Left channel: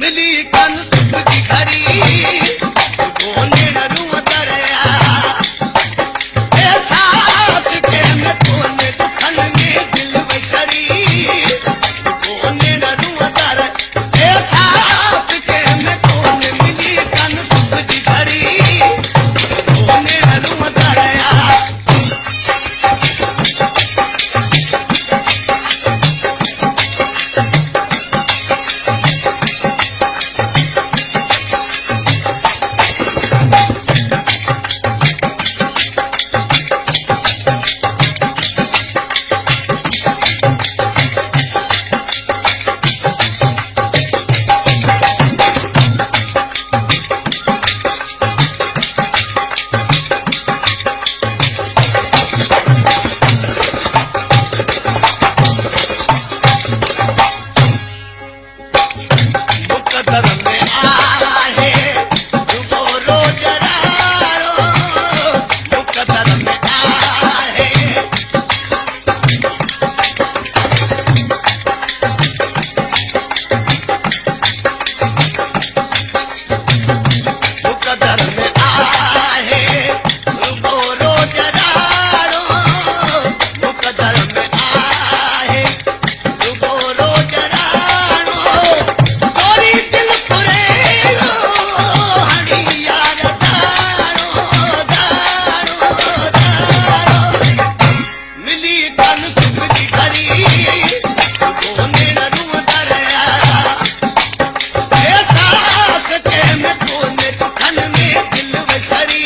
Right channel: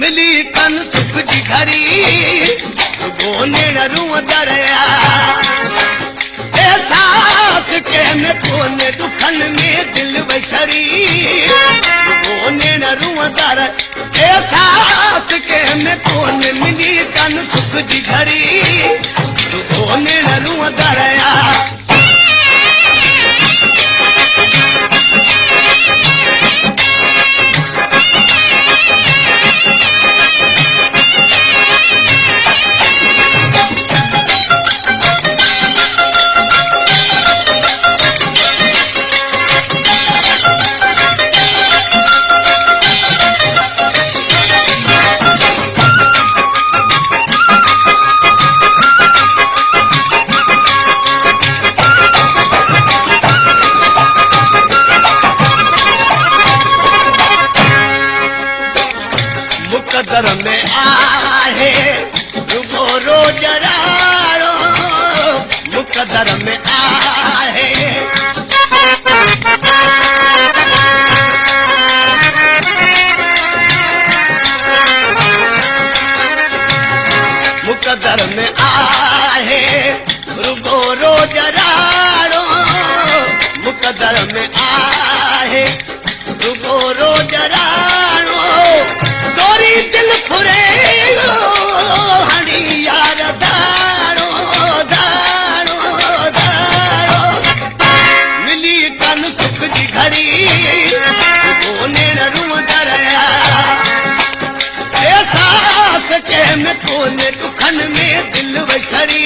मिली तन सुख जी घड़ी गोने न रूह दरिया एहसास के में कोने दुखन में दिल वसरी गोने न रूह दर एहसास के में कोने मिली तन सुख जी घड़ी गोने न रूह दरिया मुकदर में आहे रुगो रोज राड़ो मुकदर में आहे मुकदर में आहे रुगो रोज राड़ो मुकदर में आहे रुगो रोज राड़ो दिल फुरेरो हणी यार दारो दारो दारो मिली तन सुख जी घड़ी कोने न रूह दरिया एहसास के में कोने दुखन में दिल वसरी